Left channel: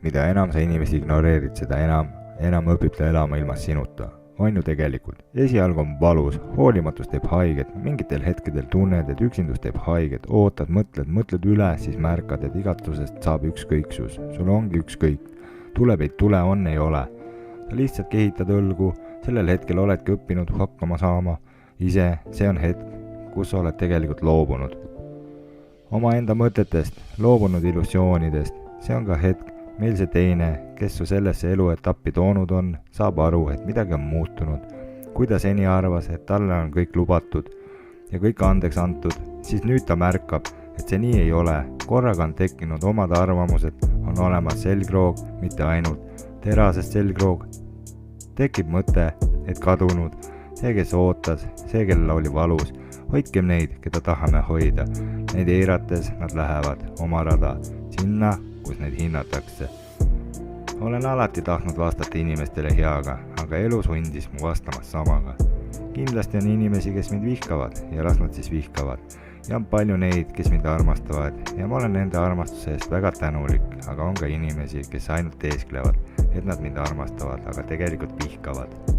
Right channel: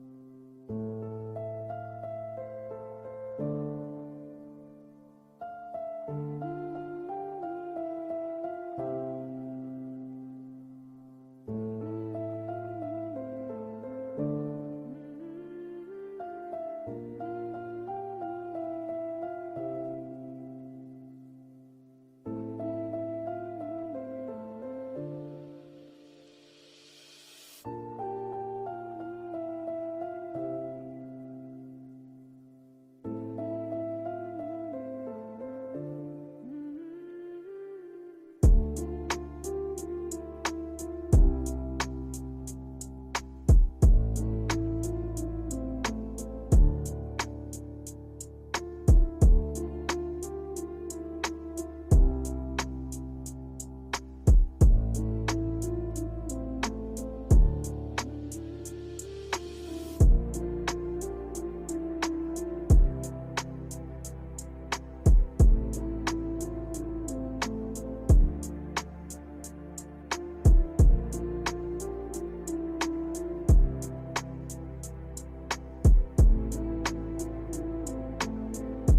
Mida enam sa inimesi ignoreerid, seda enam õpib ta elama ilma sinuta. On ju tegelikult. Esialgu on valus, hoolimatus teeb haiget, mingitel hetkedel tunned, et üksindus teeb haiget, ootad, mõtled üle, siis märkad, et igatusest saab ükskõiksus. Sul ongi ükskõik. Tuleb ei tule, on ei ole. Sa lihtsalt kehitad õlgu, sellel hetkel oledki õppinud hakkama saama. Ise, see on hetk, kus sa oled tegelikult loobunud. Oma enda mõtetest, loobunud illusioonidest, see on ka hetk, meil see teine, kes su sellesse eluetappi toonud on, saab aru, et midagi on muutunud. Kui ta seni arvas, et talle on kõik lubatud ja kõik andeks antud, siis nüüd ta märkab, et see nii ei ole. Korraga on tekkinud omad arvamused, on olemas selgroog, mitte ainult terasest selgroog. Tekib mõte, et kadunud, see, kes ootas, see, kellel oli valus. Hoidkem neid, keda tahame hoida. Neid eirates nad lähevad oma rada, sinna, kus neid hinnatakse. Olen alati tahtnud vastata inimestele heaga, aga elu sundis mu vastamas samaga. Kindlasti on inimesi, kes mind vihkavad ja las nad siis vihkavad. Ja on palju neid, kes mind armastavad ja ma olen nende armastuse eest väga tänulik, aga on ka inimesi, kes ainult teesklevad, et nad mind armastavad, aga tegelikult vihkavad.